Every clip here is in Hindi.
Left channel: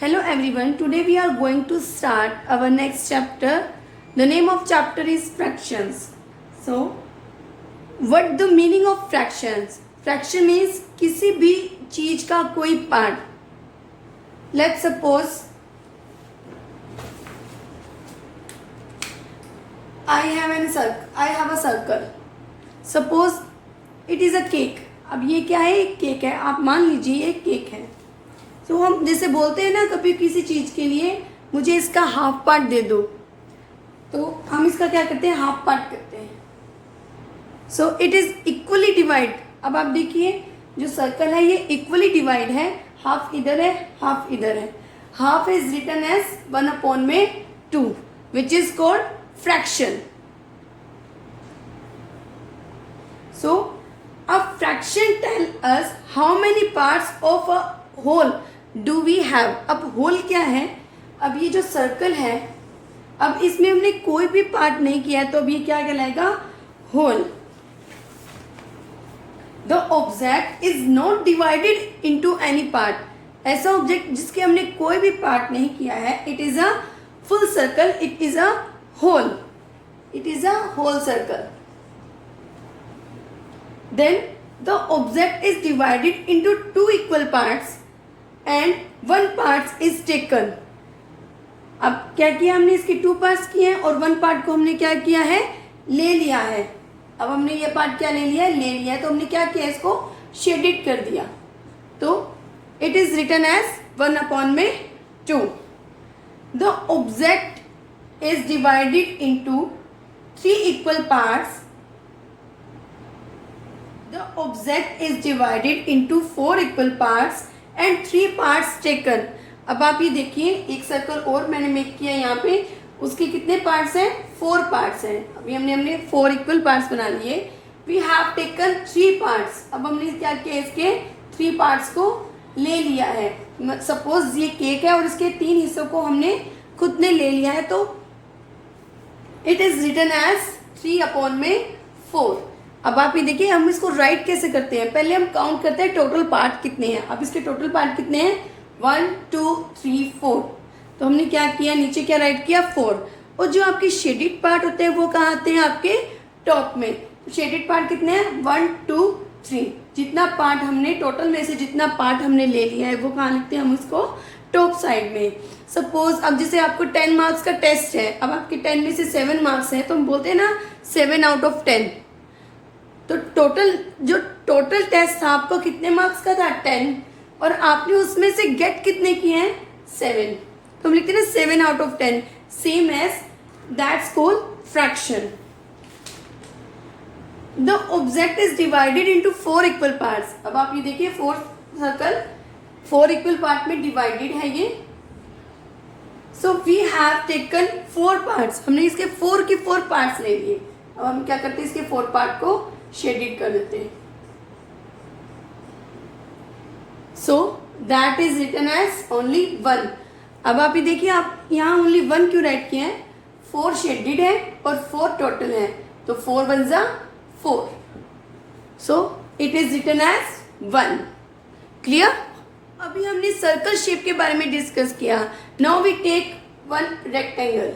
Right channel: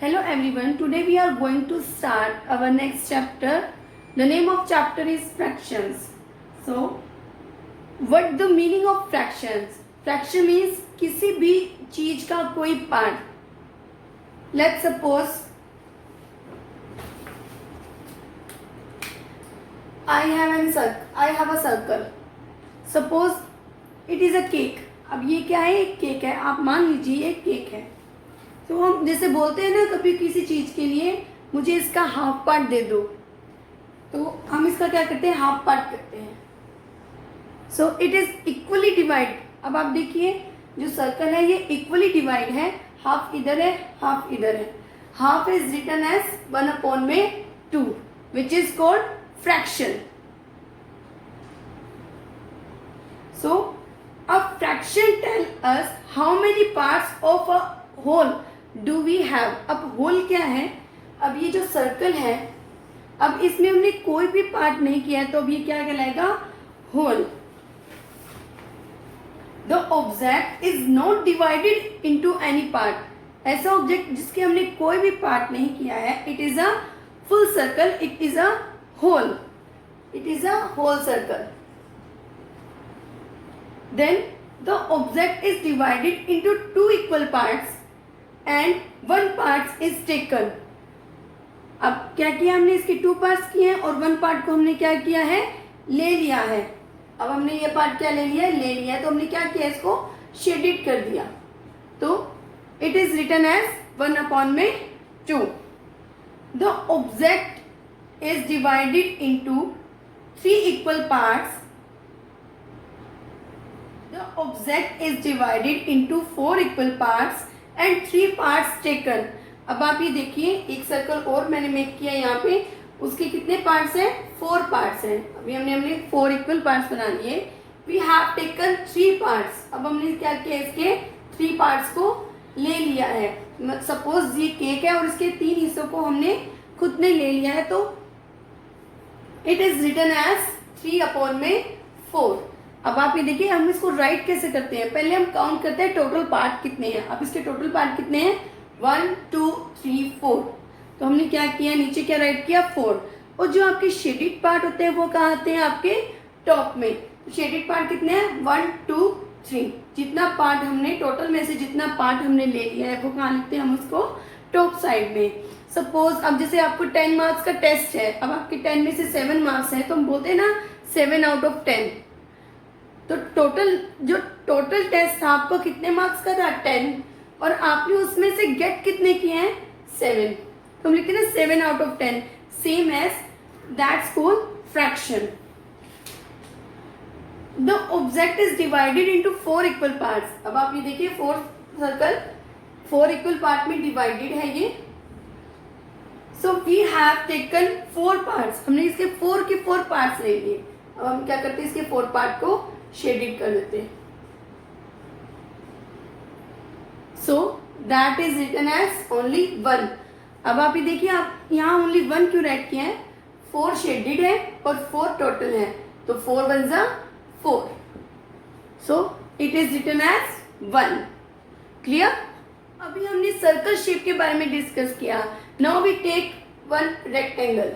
Hello everyone, today we are going to start our next chapter. The name of chapter is fractions. So, what the meaning of fractions? Fraction means किसी भी चीज का कोई part. Let's suppose I have a circle. Suppose it is a cake. अब ये क्या है? एक केक है. आप मान लीजिए ये केक है. तो हम जैसे बोलते हैं ना कभी किसी चीज के लिए मुझे इसका हाफ पार्ट दे दो, तो हम इसका क्या करते हैं? हाफ पार्ट करते हैं. सो इट इज इक्वली डिवाइड. अब आप देखिए जो सर्कल है ये इक्वली डिवाइड है. हाफ इधर है, हाफ इधर है. Half is written as 1/2 which is called fraction. So a fraction tell us how many parts of a whole do we have. अब whole क्या है? अब ये जो सर्कल है, अब इसमें हमने कोई भी पार्ट नहीं किया है, तो अब ये क्या कहलाएगा? whole. The object is not divided into any part. ऐसा ऑब्जेक्ट जिसके हमने कोई भी पार्ट नहीं किया है, it is a full circle, it is a whole. It is a whole circle. Then the object is divided into 2 equal parts and 1 part is taken. अब क्या किया हमने? इसके 2 पार्ट्स किए हैं और 1 पार्ट को हमने क्या किया है? ले लिया है. अब हमने ये पार्ट क्या ले लिया है? ले लिया है. तो हमने क्या किया? इसको शेडेड कर दिया. तो it is written as 1/2. The object is divided into 3 equal parts. The object is divided into 4 equal parts and 3 parts taken. अब आप ये देखिए एक सर्कल और मैंने मेक किया यहाँ पे. उसके कितने पार्ट्स हैं? 4 पार्ट्स हैं. अभी हमने 4 इक्वल पार्ट्स बना लिए. We have taken 3 parts. अब हमने क्या किया? इसके 3 पार्ट्स को ले लिया है. सपोज ये केक है और इसके 3 हिस्सों को हमने खुद ने ले लिया है, तो इट इज रिटन एज 3/4. अब आप ये देखिए हम इसको राइट कैसे करते हैं? पहले हम काउंट करते हैं टोटल पार्ट कितने हैं. अब इसके टोटल पार्ट कितने हैं? 1 2 3 4. तो हमने क्या किया? नीचे क्या राइट किया? 4. और जो आपके शेडेड पार्ट होते हैं वो कहाँ आते हैं? आपके टॉप में. तो शेडेड पार्ट कितने हैं? 1 2 3. जितना पार्ट हमने टोटल में से जितना पार्ट हमने ले लिया है वो कहाँ लिखते हैं? हम उसको टॉप साइड में. सपोज अब जैसे आपको 10 मार्क्स का टेस्ट है. अब आपके 10 में से 7 मार्क्स है, तो हम बोलते हैं ना 7/10. तो जो टोटल टेस्ट था आपको कितने मार्क्स का था? 10. और आपने उसमें से गेट कितने किए हैं? 7. तो हम लिखते हैं 7/10. Same as that's called fraction. The object is divided into 4 equal parts. अब आप ये देखिए 4 सर्कल 4 इक्वल पार्ट में डिवाइडेड है ये. So we have taken 4 parts. हमने इसके 4 के 4 पार्ट्स ले लिए. अब हम क्या करते हैं? इसके 4 पार्ट को शेडेड कर देते हैं. So that is written as only 1. अब आप ये देखिए आप यहाँ ओनली 1 क्यों राइट किए हैं? 4 शेडेड है और 4 टोटल है, तो 4 1 जा 4. So it is written as 1. Clear? अभी हमने सर्कल शेप के बारे में डिस्कस किया. Now we take 1 rectangle.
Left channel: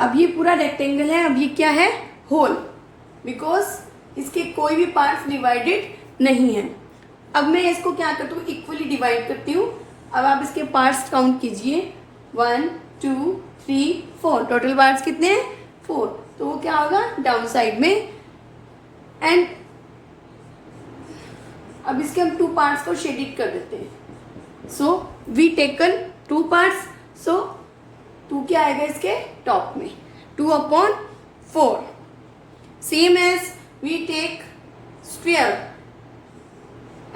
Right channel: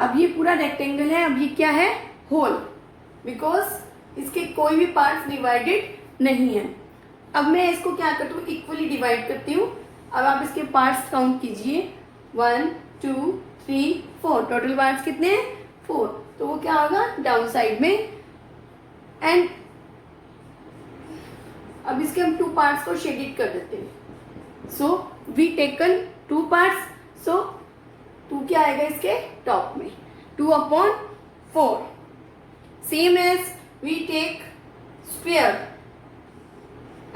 अब ये पूरा रेक्टेंगल है. अब ये क्या है? होल. बिकॉज इसके कोई भी पार्ट्स डिवाइडेड नहीं है. अब मैं इसको क्या करती हूँ? इक्वली डिवाइड करती हूँ. अब आप इसके पार्ट्स काउंट कीजिए. 1 2 3 4. टोटल पार्ट्स कितने हैं? 4. तो वो क्या होगा? डाउन साइड में. एंड अब इसके हम 2 पार्ट्स को शेडेड कर देते हैं. So we taken 2 parts. So 2 क्या आएगा इसके टॉप में? 2/4. Same as we take square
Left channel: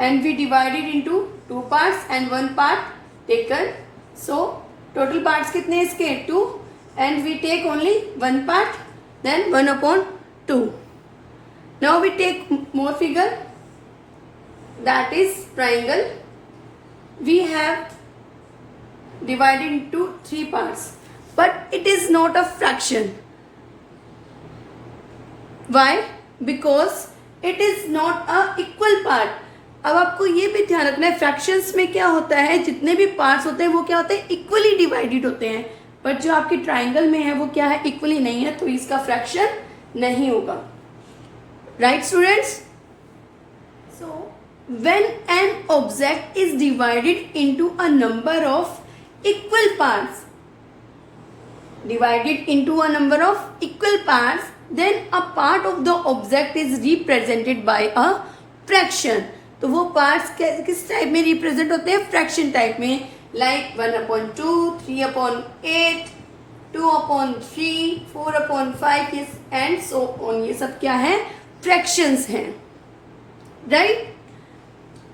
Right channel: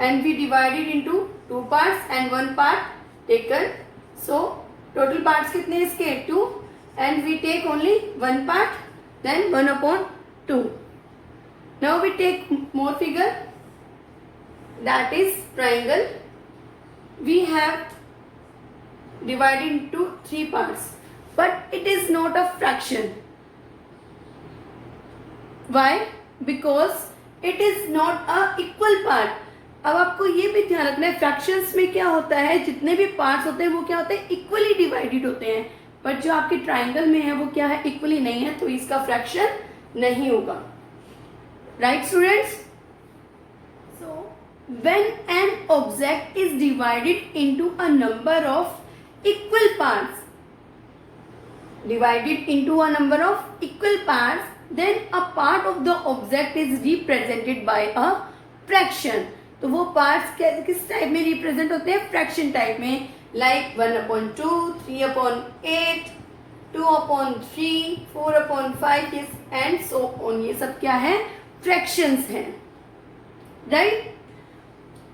and we divided into 2 parts and 1 part taken. So total parts कितने हैं इसके? 2. And we take only 1 part, then 1/2. Now we take more figure, that is triangle. We have divided into 3 parts, but it is not a fraction. Why? Because it is not a equal part. अब आपको ये भी ध्यान रखना है, फ्रैक्शंस में क्या होता है, जितने भी पार्ट्स होते हैं वो क्या होते हैं, इक्वली डिवाइडेड होते हैं, बट जो आपके ट्राइंगल में है वो क्या है, इक्वली नहीं है, तो इसका फ्रैक्शन नहीं होगा। Right students? So when an object is divided into a number of equal parts, divided into a number of equal parts, then a part of the object is represented by a fraction। तो वो पार्ट्स किस टाइप में रिप्रेजेंट होते हैं, फ्रैक्शन टाइप में, लाइक 1/2, 3/8, 2/3, 4/5 एंड सो ऑन। ये सब क्या है, फ्रैक्शंस हैं। Right?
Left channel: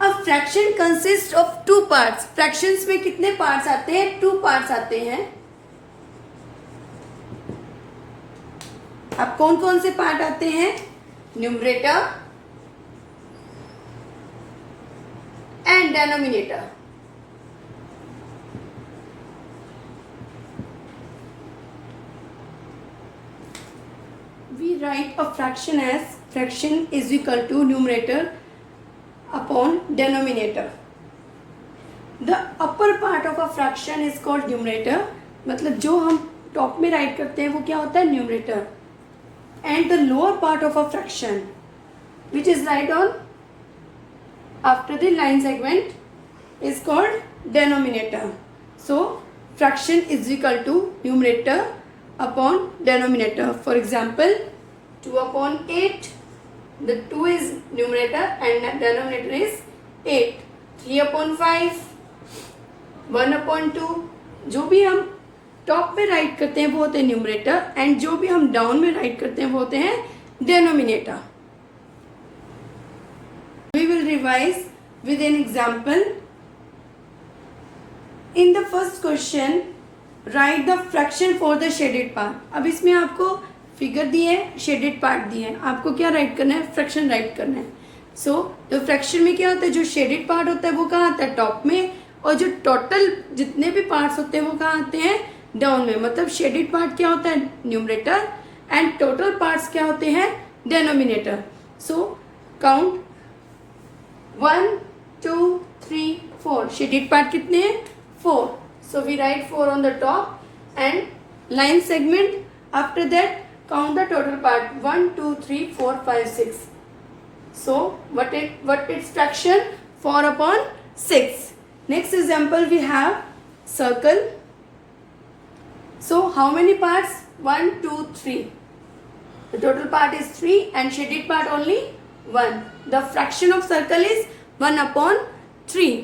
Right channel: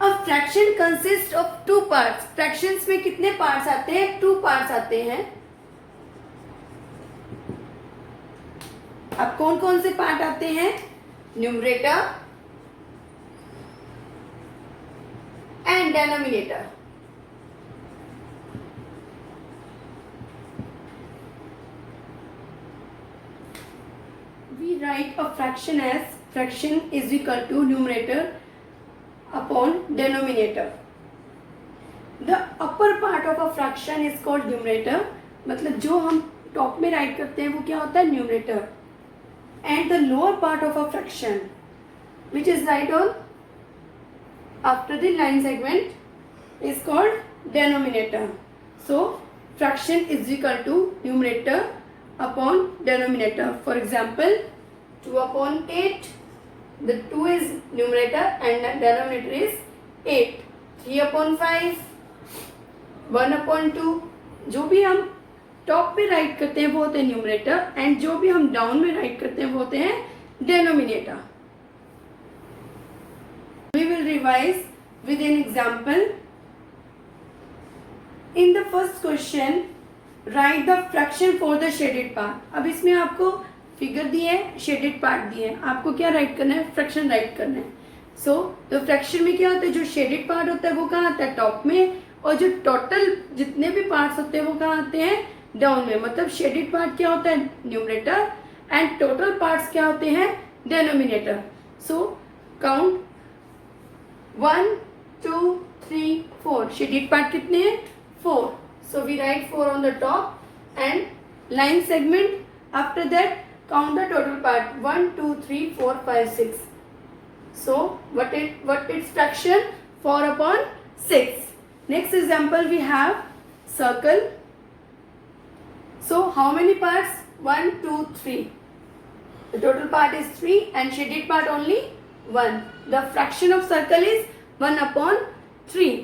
A fraction consist of 2 parts. Fractions में कितने पार्ट्स आते हैं, 2 पार्ट्स आते हैं। अब कौन कौन से पार्ट आते हैं, numerator and denominator. We write a fraction as fraction is equal to numerator upon denominator. The upper part of a fraction is called numerator, मतलब जो हम टॉप में राइट करते हैं वो क्या होता है, numerator, and the lower part of a fraction which is right on after the line segment is called denominator. So fraction is equal to numerator upon denominator. For example, 2/8, the 2 is numerator and denominator is 8, 3/5, 1/2, जो भी हम टॉप पे राइट करते हैं वो होते हैं न्यूमरेटर, एंड जो भी हम डाउन में राइट करते हैं वो होते हैं denominator. We will revise with an example. In the first question write the fraction for the shaded part. अब इसमें आपको फिगर दिए है, शेडेड पार्ट दिए हैं, आपको क्या राइट करना है, फ्रैक्शन राइट करना है। सो तो फ्रैक्शन में क्या होता है, जो शेडेड पार्ट होता है वो कहाँ आता है, टॉप में, और जो टोटल जितने भी पार्ट्स होते हैं वो कहाँ आते हैं, डाउन में। मतलब शेडेड पार्ट क्या होता है, न्यूमरेटर, एंड टोटल पार्ट्स क्या होते हैं, denominator. So count 1 2 3 4। Shaded part कितने हैं, 4। So we write 4 on the top and line segment. After that count the total part 1 2 3 4 5 6। So what its fraction, 4/6। Next example we have circle. So how many parts, 1 2 3, the total part is 3 and shaded part only 1. The fraction of circle is 1/3.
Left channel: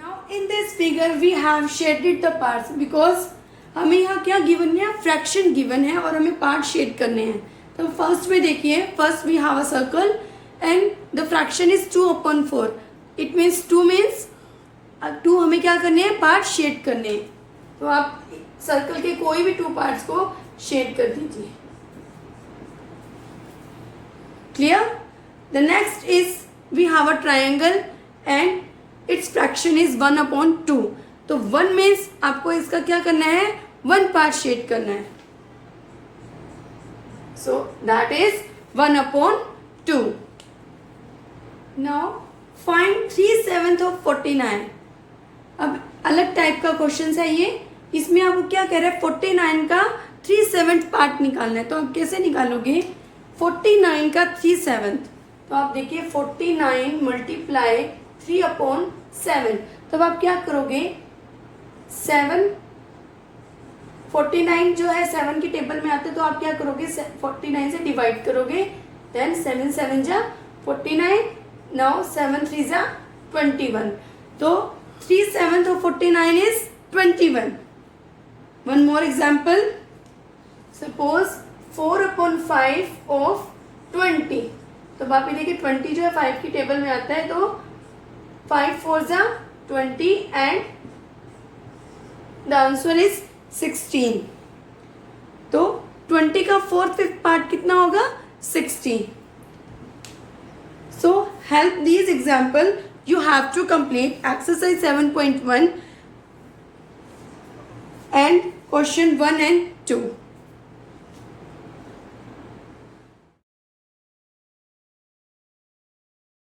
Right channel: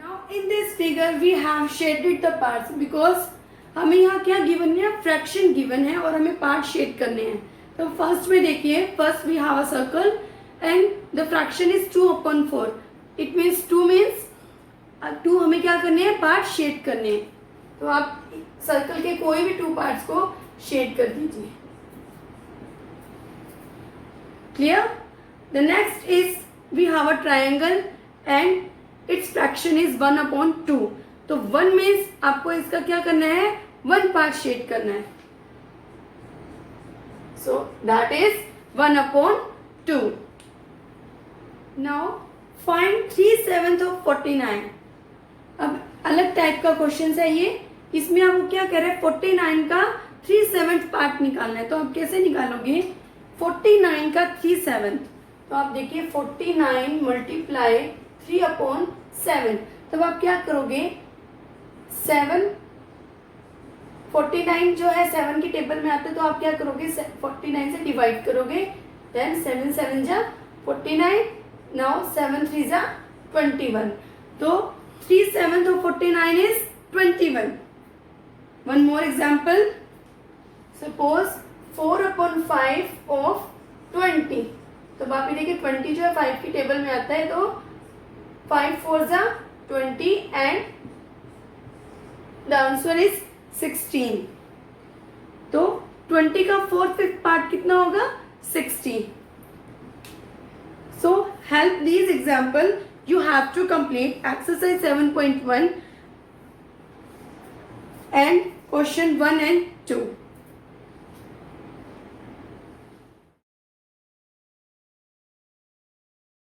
Now in this figure we have shaded the parts because हमें यहाँ क्या गिवन है, फ्रैक्शन गिवन है और हमें पार्ट शेड करने हैं। तो फर्स्ट में देखिए, first we have a circle and the fraction is 2/4। It means 2 means 2 हमें क्या करने हैं, पार्ट शेड करने हैं। तो आप सर्कल के कोई भी 2 पार्ट्स को शेड कर दीजिए। Clear? The next is we have a triangle and its fraction is 1/2। तो 1 मीन्स आपको इसका क्या करना है, 1 पार्ट शेड करना है। सो that is 1/2। Now find 3/7 of 49। अब अलग टाइप का क्वेश्चन है ये, इसमें आपको क्या कह रहा है, 49 का 3/7 पार्ट निकालना है। तो आप कैसे निकालोगे, 49 का 3/7। तो आप देखिए 49 मल्टीप्लाई 3/7। तब आप क्या करोगे, 7 49 जो है 7 की टेबल में आते, तो आप क्या करोगे, 49 से डिवाइड करोगे, देन 7 7 जा 49, नाउ 7 3 जा 21। तो 3/7 of 49 is 21. One more example. Suppose 4/5 of 20. तो आप ये देखिए 20 जो है 5 की टेबल में आता है, तो 5 4 जा 20 and the answer is 16. तो 20 का 4/5 पार्ट कितना होगा, 60. So help these example. You have to complete exercise 7.1 and question 1 and 2.